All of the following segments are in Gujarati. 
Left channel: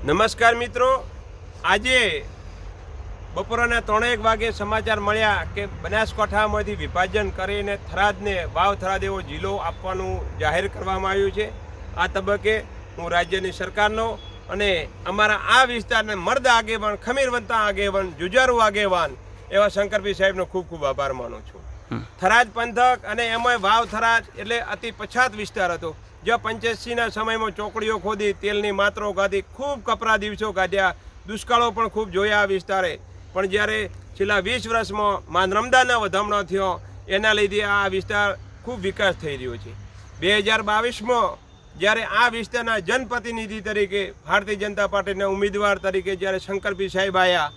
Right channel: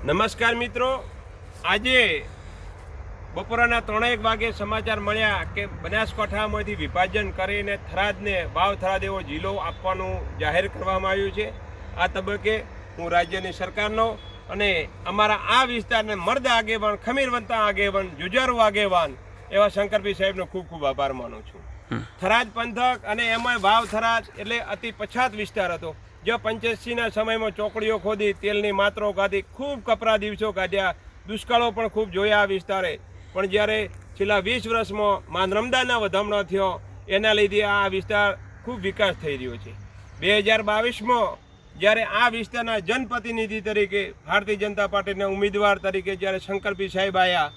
નમસ્કાર મિત્રો. આજે બપોરના ત્રણેક વાગે સમાચાર મળ્યા કે બનાસકાંઠામાંથી વિભાજન કરીને થરાદને વાવ થરાદ એવો જિલ્લો આપવાનું જાહેર કરવામાં આવ્યું છે. આ તબક્કે હું રાજ્યની સરકારનો અને અમારા આ વિસ્તારને મર્દ આગેવાન ખમીરવંતા આગેવાન જુજારુ આગેવાન એવા શંકરભાઈ સાહેબનો ખૂબ ખૂબ આભાર માનું છું. થરાદ પંથક અને એમાંય વાવ થરાદ એટલે અતિ પછાત વિસ્તાર હતો. જો પંચ્યાસીના સમયમાં ચોકડીઓ ખોદી, તેલની માત્રો કાઢી, ખૂબ કપરા દિવસો કાઢ્યા. દુષ્કાળો પણ ખૂબ જોયા આ વિસ્તારે. પણ જ્યારે છેલ્લા વીસ વર્ષમાં મા નર્મદાના વધામણો થયો, એના લીધે આ વિસ્તાર ખૂબ વિકાસ થઈ રહ્યો છે. બે હજાર બાવીસમાં જ્યારે આ વિસ્તારના જનપ્રતિનિધિ તરીકે ભારતીય જનતા પાર્ટીના ઉમેદવાર તરીકે જ્યારે શંકરભાઈ સાહેબ આવ્યા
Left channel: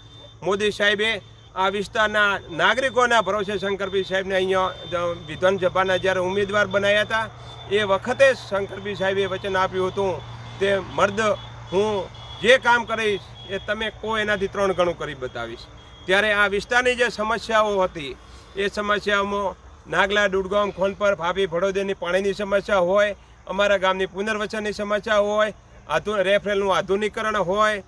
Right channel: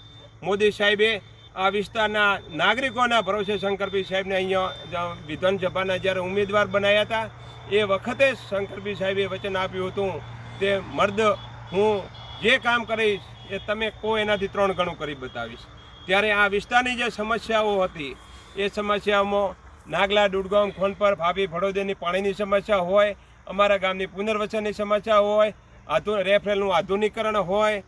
મોદી સાહેબે આ વિસ્તારના નાગરિકોના ભરોસે શંકરભાઈ સાહેબને અહીંયા વિધાનસભાના જ્યારે ઉમેદવાર બનાવ્યા હતા, એ વખતે શંકરભાઈ સાહેબે વચન આપ્યું હતું તે મર્દ, હું જે કામ કરીશ, એ તમે કો એનાથી ત્રણ ગણું કરી બતાવીશ. ત્યારે આ વિસ્તારની જે સમસ્યાઓ હતી, એ સમસ્યાઓમાં નાગલા, દુડગામ, ખોનપર, ભાભી ભડોદરની પાણીની સમસ્યા હોય, અમારા ગામની પુનર્વસનની સમસ્યા હોય, આધુ, રેફરેલનું આધુનિકરણ હોય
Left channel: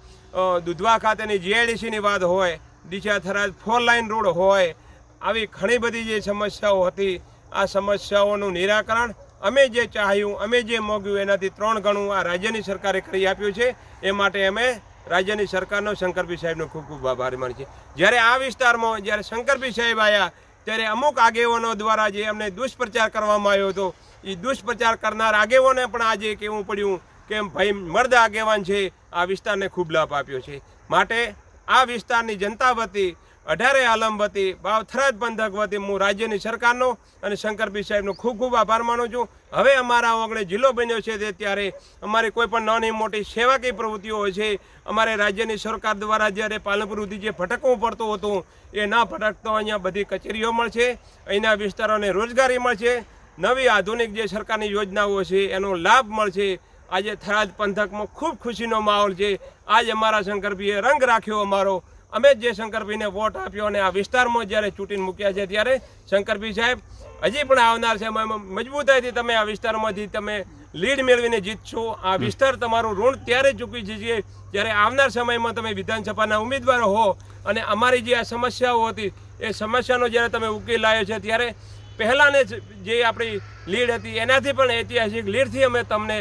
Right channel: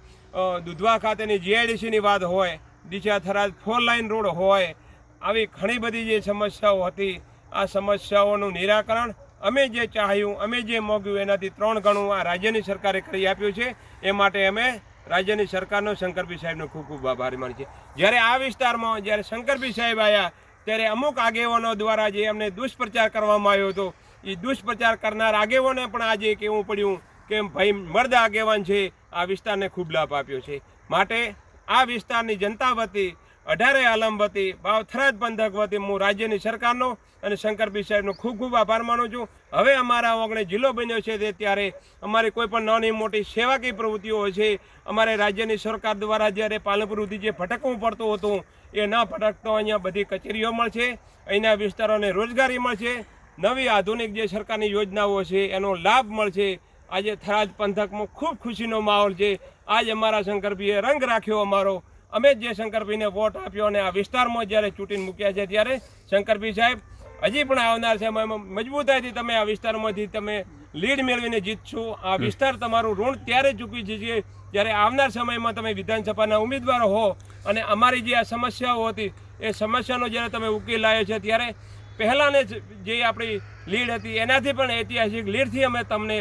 દુધવા ખાતેની જીઆઈડીસીની વાત હોય Deesa Tharad four lane road હોય, આવી ઘણી બધી જે સમસ્યાઓ હતી, આ સમસ્યાઓનું નિરાકરણ અમે જે ચાહ્યું, અમે જે મોગ્યું, એનાથી ત્રણ ગણું આ રાજ્યની સરકારે કરી આપ્યું છે. એ માટે અમે રાજ્યની સરકારનો, શંકરભાઈ સાહેબનો ખૂબ ખૂબ આભાર માની છે જ્યારે આ વિસ્તારમાં, જ્યારે શંકરભાઈ સાહેબ આવ્યા ત્યારે અમુક આગેવાનો દ્વારા જે અમને દુષ્પ્રચાર કરવામાં આવ્યો હતો, એ દુષ્પ્રચાર કરનાર આગેવાને પણ આજે કહેવું પડ્યું કે ભાઈ, મર્દ આગેવાન છે. આ વિસ્તારને ખૂબ લાભ આપ્યો છે. માટે આ વિસ્તારની જનતા વતી, અઢારે આલમ વતી, બાવ થરાદ પંથક વતી હું રાજ્યની સરકારનો અને શંકરભી સાહેબનો ખૂબ ખૂબ આભાર માનું છું. હવે અમારા ઓગણે જિલ્લો બન્યો છે તે ત્યારે અમારી કોઈ પણ નાની મોટી સેવાકીય પ્રવૃત્તિઓ હોય છે, અમારે રાજ્યની સરકાર દ્વારા જ્યારે પાલનપુર સુધી જે ભટકવું પડતું હતું, એ ના ભટકતો અહીંયા બધી કચેરીઓ મળશે, અહીંના વિસ્તારોને રોજગારી મળશે, નવી આધુનિક જે સરકારની યોજનાઓ છે એનો લાભ મળશે. આજે થરાદ પંથકમાં ખૂબ ખુશીનો માહોલ છે આજ અમારા શંકરભાઈએ રંગ રાખ્યો અમારો. અમે જે શંકરભાઈને વોટ આપ્યો અને આ વિસ્તારમાં જ્યારે ચૂંટીને મૂક્યા છે ત્યારે શંકરભાઈ સાહેબ હજી પણ આવનાર છે મજબૂતાઈથી તમે આ વિસ્તારમાંથી તમે લીડ મેળવીને જીતશો. આ વિસ્તાર તમારું ઋણ ત્યારે ચૂકી જશે જ્યારે આવનાર સમયમાં તમે વિધાનસભાના ઉમેદવારો હો. અને અમારી જે આ સમસ્યાઓ હતી એ સમસ્યાનો જ્યારે તમે ઉકેલ લાવ્યો છે ત્યારે પહેલાંને જ જે આપણી લીડ હતી એનાથી પણ ઐતિહાસિક લીડથી અમે તમને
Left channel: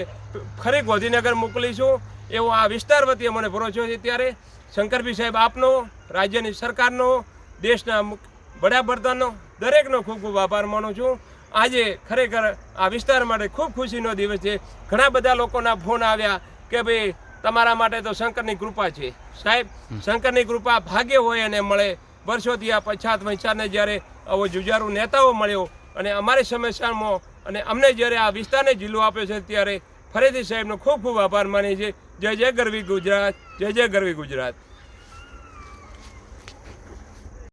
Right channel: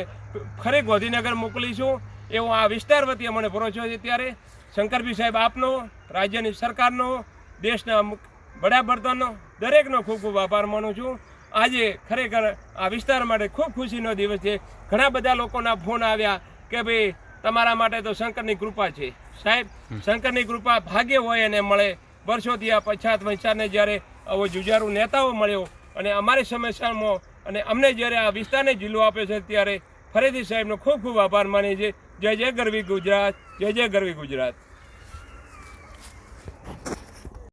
ફરી ગોધીનગર મોકલીશું એવો આ વિસ્તાર વતી અમને ભરોસો છે ત્યારે. શંકરભાઈ સાહેબ આપનો રાજ્યની સરકારનો દેશના વડાપ્રધાનનો દરેકનો ખૂબ ખૂબ આભાર માનું છું. આજે ખરેખર આ વિસ્તાર માટે ખૂબ ખુશીનો દિવસ છે. ઘણા બધા લોકોના ફોન આવ્યા કે ભાઈ તમારા માટે તો શંકરની કૃપા છે. સાહેબ શંકરની કૃપા ભાગ્ય હોય અને મળે. વર્ષોથી આ પછાત વંચાને જ્યારે આવો જુજારુ નેતાઓ મળ્યો અને અમારી સમસ્યામાં અને અમને જ્યારે આ વિસ્તારને જિલ્લો આપ્યો છે ત્યારે ફરીથી સાહેબનો ખૂબ ખૂબ આભાર માની છે જય જય ગરવી ગુજરાત, જય જય ગરવી ગુજરાત.